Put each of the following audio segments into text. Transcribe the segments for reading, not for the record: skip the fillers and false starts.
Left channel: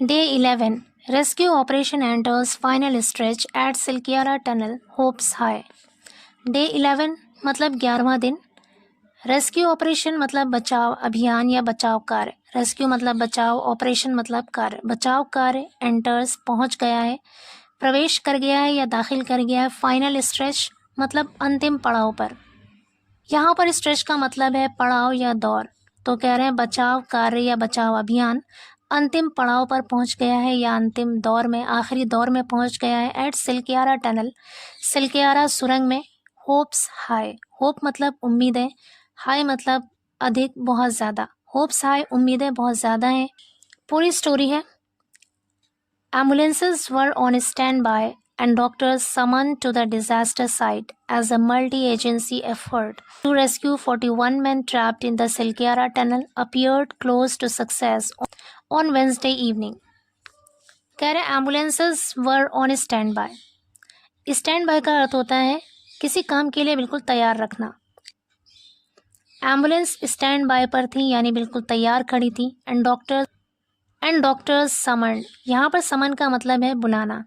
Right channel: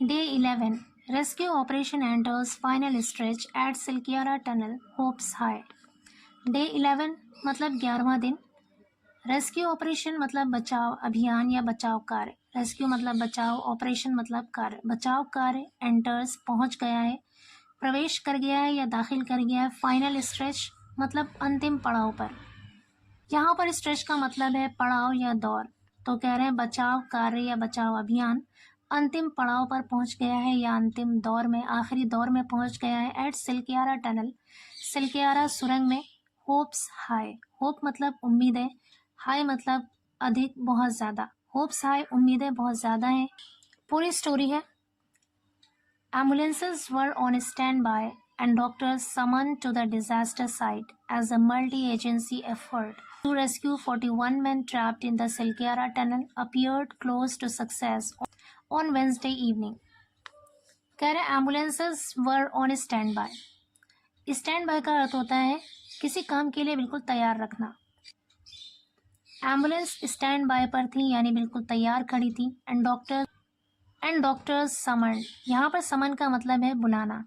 Day 11. Rescue operation enters final stretch at Silkyara Tunnel, Hopes High. Day 11 मतलब 11वां दिन. Rescue operation मतलब बचाव अभियान या बचाव कार्य. रेस्क्यू मतलब बचाव, ऑपरेशन मतलब कार्य. बचाव कार्य एंटर्स पहुंच गया है, प्रवेश कर गया है या दाखिल कर गया है. फाइनल स्ट्रेच मतलब अंतिम पड़ाव पर. यहाँ पर स्ट्रेच का मतलब है पड़ाव या दौर. तो कह रहे हैं बचाव कार्य या बचाव अभियान अंतिम पड़ाव पर पहुंच गया है या अंतिम दौर में, आखिरी दौर में पहुंच गया है. एट सिल्कियारा टनल, सिल्कियारा सुरंग में. होप्स हाई, होप मतलब उम्मीदें, हाई मतलब अधिक, बहुत ज़्यादा. होप्स हाई उम्मीदें बहुत ज़्यादा हैं. पूरी स्टोरी है. Ambulances were on standby and doctors summoned to the disaster site as a multi-agency effort to rescue 41 men trapped in the Silkyara tunnel appeared close to success on Wednesday evening. कह रहे ambulances were on standby. Standby का अर्थ होता है किसी काम के लिए बिल्कुल तैयार रखना. एम्बुलेंस स्टैंड बाय पर थी यानी बिल्कुल तैयार खड़ी थी. एंड डॉक्टर्स समन, यहाँ पर समन का मतलब है बुलाना.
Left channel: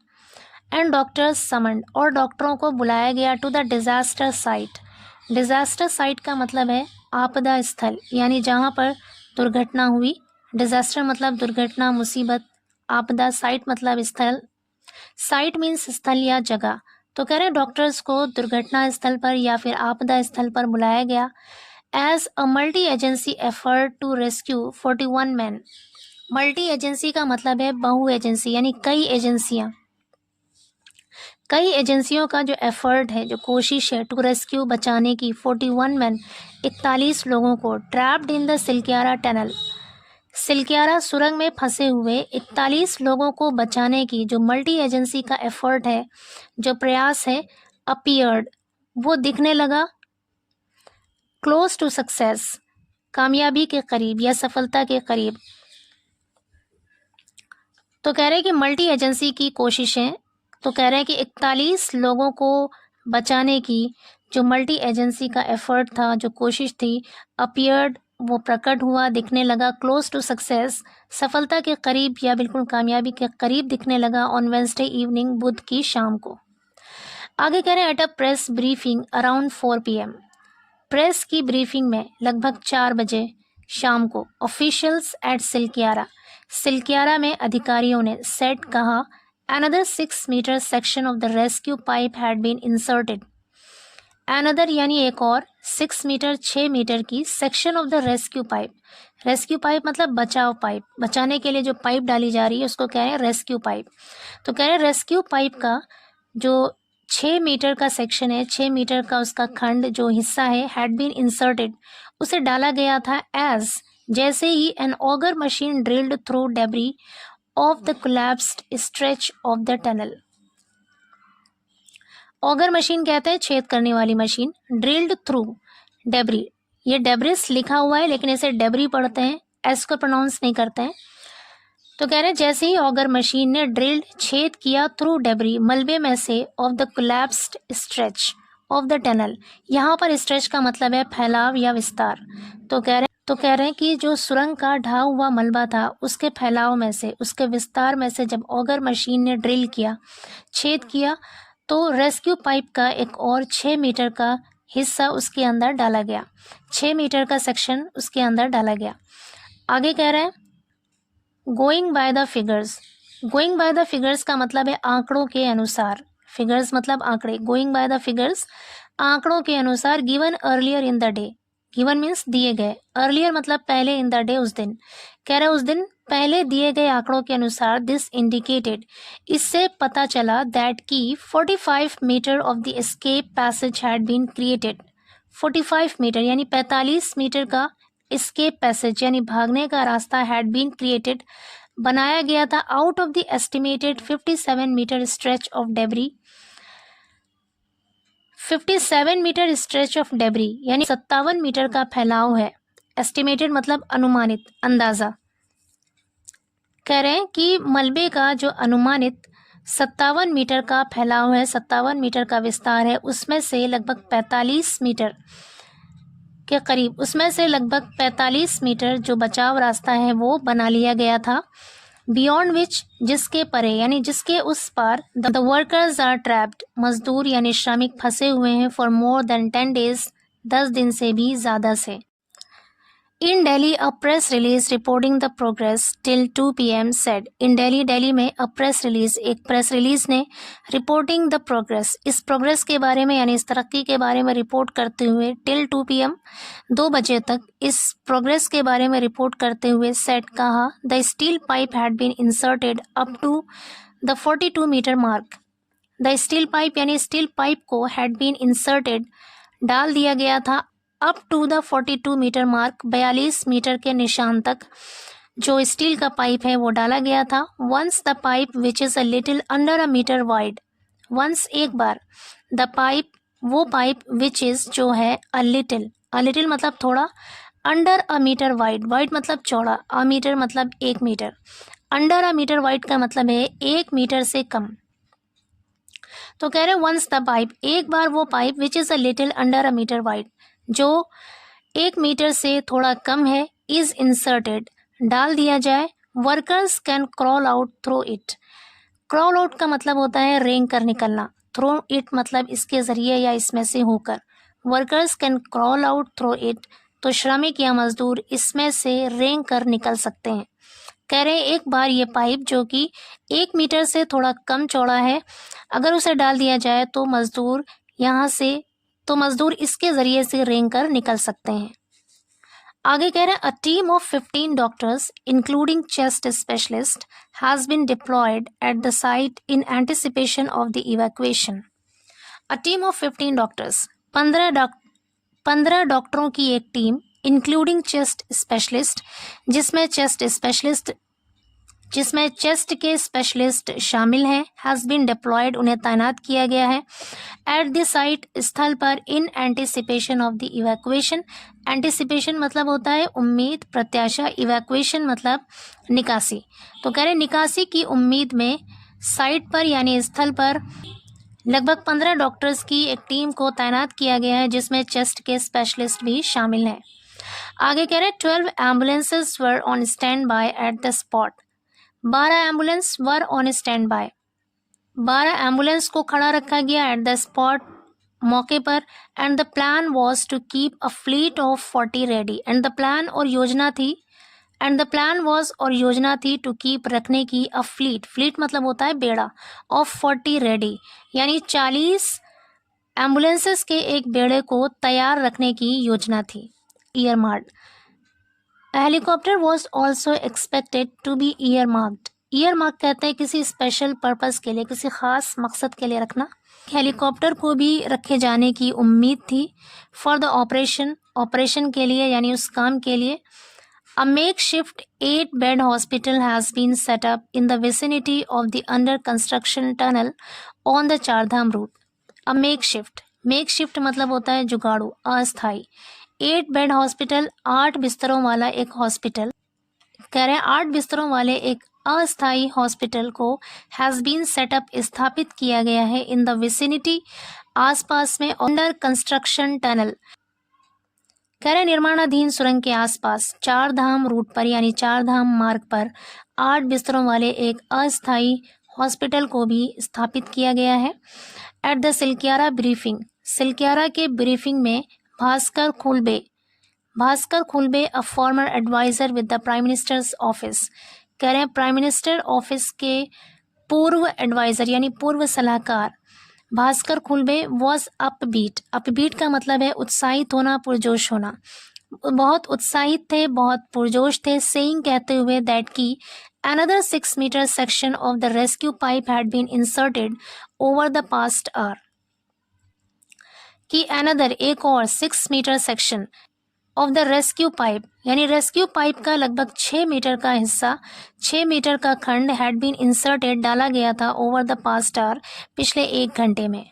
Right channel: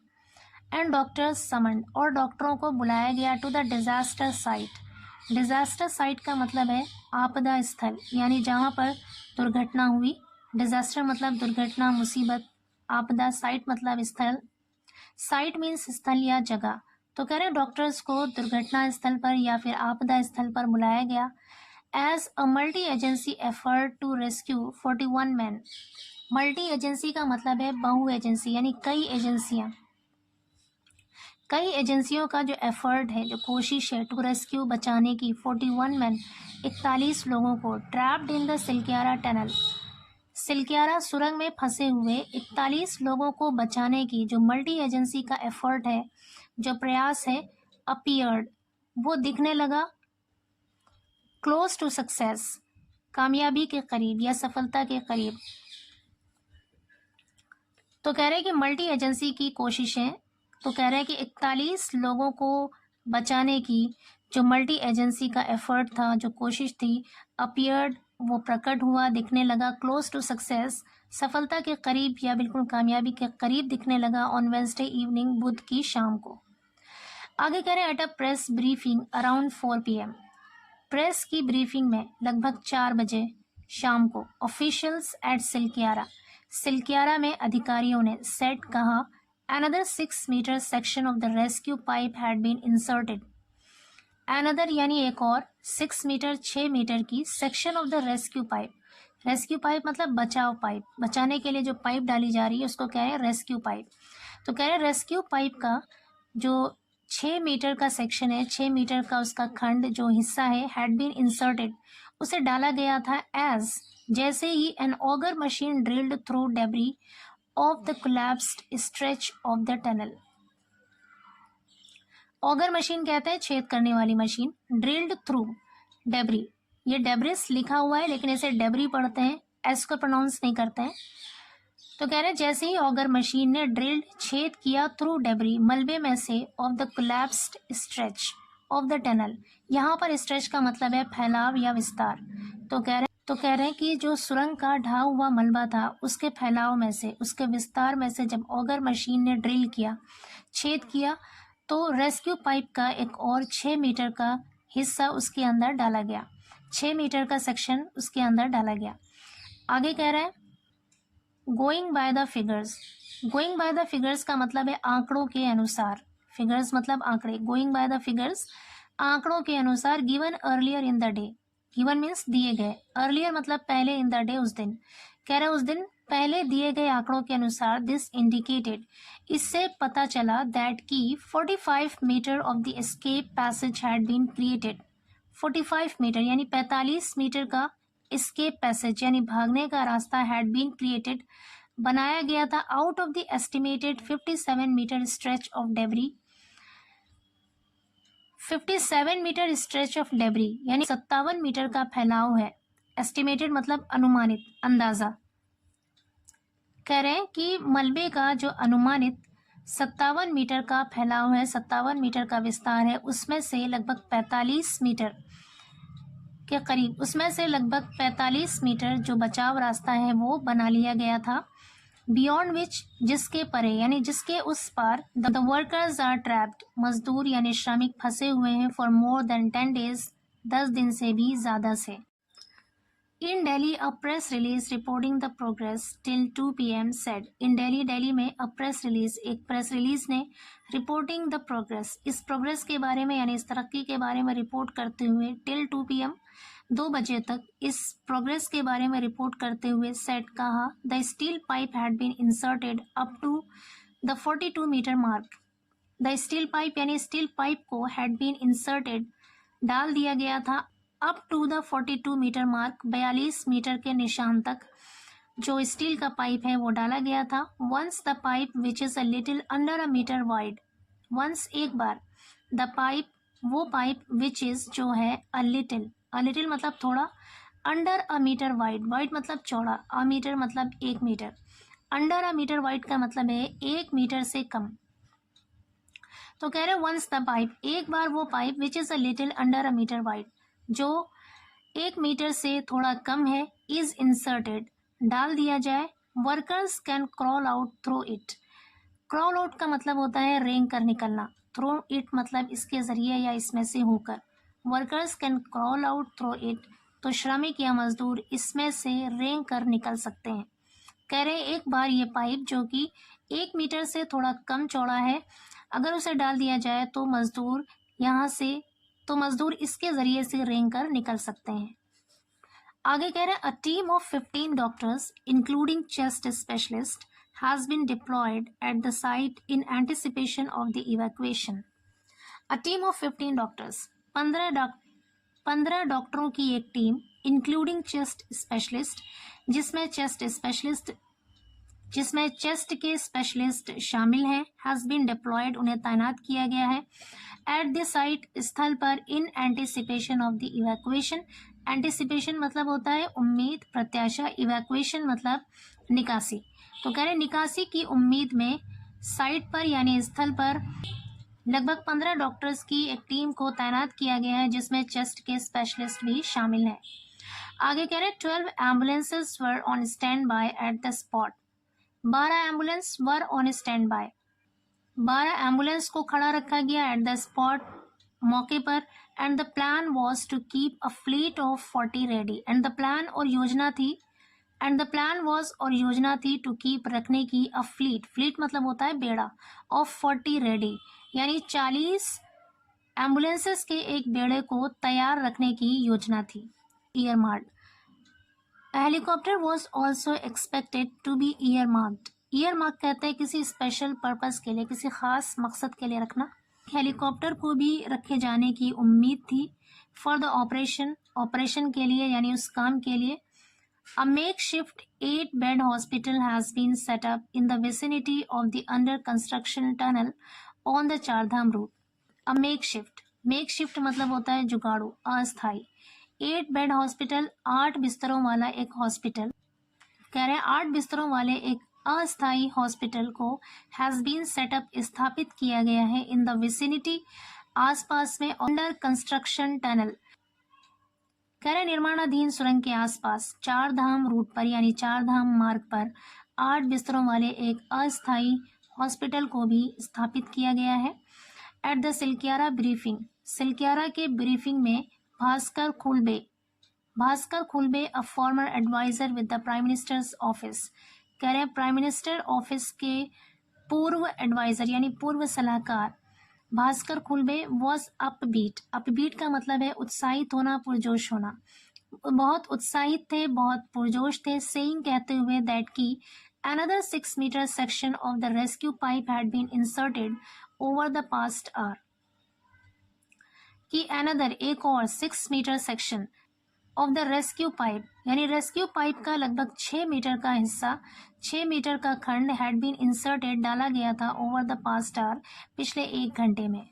एंड डॉक्टर्स समन, और डॉक्टरों को बुलाया गया to the disaster site. Disaster site का मतलब है आपदा स्थल, यानी जहाँ पर दुर्घटना हुई. डिज़ास्टर मतलब दुर्घटना, मुसीबत. आपदा, साइट मतलब स्थल. साइट मीन्स स्थल या जगह. तो कह रहे डॉक्टर्स को दुर्घटना स्थल पर या फिर आपदा स्थल पर बुलाया गया as a multi agency effort to rescue 41 man. Multi agency का मतलब है बहु एजेंसी, यानी कई एजेंसियां. कई एजेंसियों का जो एफर्ट है, जो कोशिश है, टू रेस्क्यू बचाने की, 41 मैन 41 लोगों को, trapped in the Silkyara tunnel, Silkyara सुरंग में फंसे हुए 41 लोगों को बचाने की जो मल्टी एजेंसी का एफर्ट है, जो प्रयास है, अपीयर्ड वो दिखने लगा, क्लोज टू सक्सेस कामयाबी के करीब या सफलता के करीब. तो कह रहे हैं कि मल्टी एजेंसी की कोशिशें, तो कह रहे हैं कि 41 लोगों को बचाने की जो मल्टी एजेंसी का एफर्ट था, जो कोशिश थी, अपीयर्ड वो प्रकट हुआ, दिखने लगा, क्लोज टू सक्सेस सफलता के करीब या बिल्कुल कामयाबी के करीब दिखने लगा, ऑन वेंसडे इवनिंग बुध की शाम को. आगे कह रहे हैं at a press briefing around 4 PM. Press की ब्रीफिंग में लगभग 4 बजे शाम को, ऑफिशियल्स एट सिल्कियारा, सिल्कियारा में अधिकारियों ने सेट कहा, another 6 metre section of the rescue pipe had been inserted. Another यानी एक और, 6 मीटर 6 मीटर की, section of the rescue pipe. Rescue pipe मतलब बचाव पाइप, बचाने के लिए जो पाइप डाली जा रही है उसको कह रहे हैं रेस्क्यू पाइप. तो कह रहे हैं रेस्क्यू पाइप का जो 6 मीटर का सेक्शन है, 6 मीटर का उसका खंड जो हिस्सा है, हैड बीन इंसर्टेड उसे डाला गया था एज, जैसे ही an auger machine drilled through debris of the collapsed stretch of the tunnel. Auger machine कहते हैं छेद करने वाली मशीन. ड्रिल्ड थ्रू डेब्री, ये डेब्रिस लिखा हुआ है लेकिन इसे डेब्री पढ़ते हैं, एस को प्रोनाउंस नहीं करते हैं. तो कह रहे हैं जैसे ही ऑगर मशीन ने ड्रिल्ड छेद किया, थ्रू डेब्री मलबे में से, of the collapsed stretch of the tunnel. यहाँ पर स्ट्रेच का मतलब है फैलाव या विस्तार. तो कह रहे हैं कि जो सुरंग का ढहा हुआ मलबा था उसके फैलाव में से, उसके विस्तार में से जब ऑगर मशीन ने ड्रिल किया, छेद किया, तो रेस्क्यू पाइप का एक और 6 मीटर का हिस्सा उसके अंदर डाला गया. 6 मीटर का सेक्शन उसके अंदर डाला गया. आगे कह रहे हैं going by the figures. Going by the figures का मतलब है आंकड़ों के अनुसार. फिगर्स मतलब आंकड़े. गोइंग बाय द फिगर्स आंकड़ों के अनुसार. Given earlier in the day, given means दिए गए, अर्लियर मतलब पहले, इन द डे उस दिन. कह रहे उस दिन पहले दिए गए आंकड़ों के अनुसार, दिस इंडिकेटेड इससे पता चला, दैट की 45 metre of the escape passage had been created. 45 metre यानी 45 मीटर का एस्केप पैसेज यानी भागने का रास्ता, हैड बीन क्रिएटेड बनाया गया था, out of the estimated 57 metre stretch of debris. 57 metre stretch of debris यानी 57 मीटर का फैलाव है. एस्टिमेटेड मतलब अनुमानित, अंदाजा. कह रहे हैं कि मलबे का जो अनुमानित 57 मीटर का फैलाव है, 57 मीटर का विस्तार है, उसमें से लगभग 45 मीटर के करीब, उसमें से लगभग 45 मीटर जो बचाव रास्ता है वो बना लिया गया था. बियॉन्ड विच जिसके परे यानी जिसके उस पार द वर्कर्स आर ट्रैप्ड मजदूर यानी श्रमिक फंसे हुए हैं फॉर मोर देन 10 days 10 दिन से भी ज़्यादा से। In daily a press release reporting the progress till 2 PM said. In Delhi में अ प्रेस रिलीज एक प्रेस रिलीज ने रिपोर्टिंग द प्रोग्रेस इस प्रोग्रेस के बारे में यानी इस तरक्की के बारे में रिपोर्ट करते हुए टिल 2 PM 2 बजे तक इस प्रोग्रेस के बारे में रिपोर्ट करते हुए सेड कहा the steel pipe had been inserted up to the 42 metre mark. The steel pipe यानी स्टील पाइप को हैड बीन इंसर्टेड डाल दिया गया था up to the 42 metre mark 42 metre के निशान तक जो स्टील का पाइप है वो डाला गया था। Once the pipe which is a little under a metre wide once एक बार द पाइप वो पाइप विच इज़ जो है अ लिटिल मतलब थोड़ा अंडर अ मीटर वाइड मतलब चौड़ा अ मीटर मतलब 1 metre under a metre wide का मतलब है 1 मीटर से कम। तो कह रहे वंस द पाइप एक बार वो pipe which is a little under a metre wide जो 1 मीटर से थोड़ा कम है इज इंसर्टेड डाल दिया जाए workers can crawl out through it. Crawl out का मतलब होता है रेंग कर निकलना थ्रू इट मतलब इसके ज़रिए या इसमें से होकर। Workers can crawl out through it तो श्रमिक या मजदूर इसमें से रेंग कर निकल सकते हैं। कह रहे एक बार ये पाइप जो कि 1 मीटर से थोड़ा कम चौड़ा है अगर उसे डाल दिया जाए तो मजदूर इसके ज़रिए से रेंग कर निकल सकते हैं। आगे कह रहे हैं a team of 15 doctors including chest specialist has been deployed at the site in anticipation of the evacuation. A team of 15 doctors 15 डॉक्टरों की एक टीम इंक्लूडिंग चेस्ट स्पेशलिस्ट जिसमें चेस्ट के स्पेशलिस्ट शामिल हैं हैज़ बीन डिप्लॉयड उन्हें तैनात किया गया है एट द साइट स्थल पर इन anticipation of the evacuation. Anticipation मतलब होता है उम्मीद प्रत्याशा इवैक्यूएशन मतलब निकासी। तो कह रहे निकासी की उम्मीद में साइट पर यानी स्थल पर लगभग 15 डॉक्टर्स की एक टीम को तैनात किया गया है जिसमें चेस्ट के स्पेशलिस्ट भी शामिल हैं। आगे कह रहे 12 ambulances were on standby at the spot. 12 ambulance were on standby 12 ambulance को खड़ा रखा गया एट द स्पॉट मौके पर and the plan was to keep a fleet of 40 ready and the plan और योजना थी टू कीप रखने की अ फ्लीट मतलब होता है बेड़ा ऑफ 40 रेडी यानी 40 एम्बुलेंसेस के एक बेड़े को तैयार रखने की योजना थी। Earmarked helicopter was also expected to be earmarked. Earmark कहते हैं किसी स्पेशल पर्पस के लिए किसी खास मकसद के लिए रखना। हेलीकॉप्टर को भी रखे जाने की उम्मीद थी फॉर द ऑपरेशन के लिए यानी उस काम के लिए। A makeshift 8-bed hospital has been set up in the vicinity of the under construction tunnel on the Chardham route. A makeshift मतलब होता है जुगाड़ू अस्थाई। 8-bed हॉस्पिटल 8 बिस्तरों वाला एक हॉस्पिटल कह रहे हैं 8 बिस्तरों वाले एक अस्थायी हॉस्पिटल को हैज़ बीन सेटअप स्थापित किया गया है इन द विसिनिटी आसपास में अंडर कंस्ट्रक्शन टनल कह रहे निर्माणाधीन सुरंग के आसपास चार धाम रूट पर यानी चार धाम मार्ग पर 8 बिस्तरों वाले एक अस्थायी हॉस्पिटल को भी स्थापित किया गया है। एट द सिलक्यारा के ब्रीफिंग में Bhaskar Khulbe a former adviser with the prime minister's office कह रहे हैं प्राइम मिनिस्टर ऑफिस के पूर्व एडवाइजर यानी पूर्व सलाहकार भास्कर खुलबे वॉज अपबीट का मतलब है उत्साहित होना पुरजोश होना। बहुत उत्साहित थे बहुत पुरजोश थे सेइंग कहते हुए दैट की another 6 metre section of the rescue pipe had been inserted over the past hour कि अनदर एक और 6 metre section of the rescue pipe यानी रेस्क्यू पाइप का लगभग 6 मीटर का हिस्सा 6 मीटर का खंड हैड बीन इंसर्टेड डाला गया था ओवर द पास्ट आवर पिछले 1 घंटे में।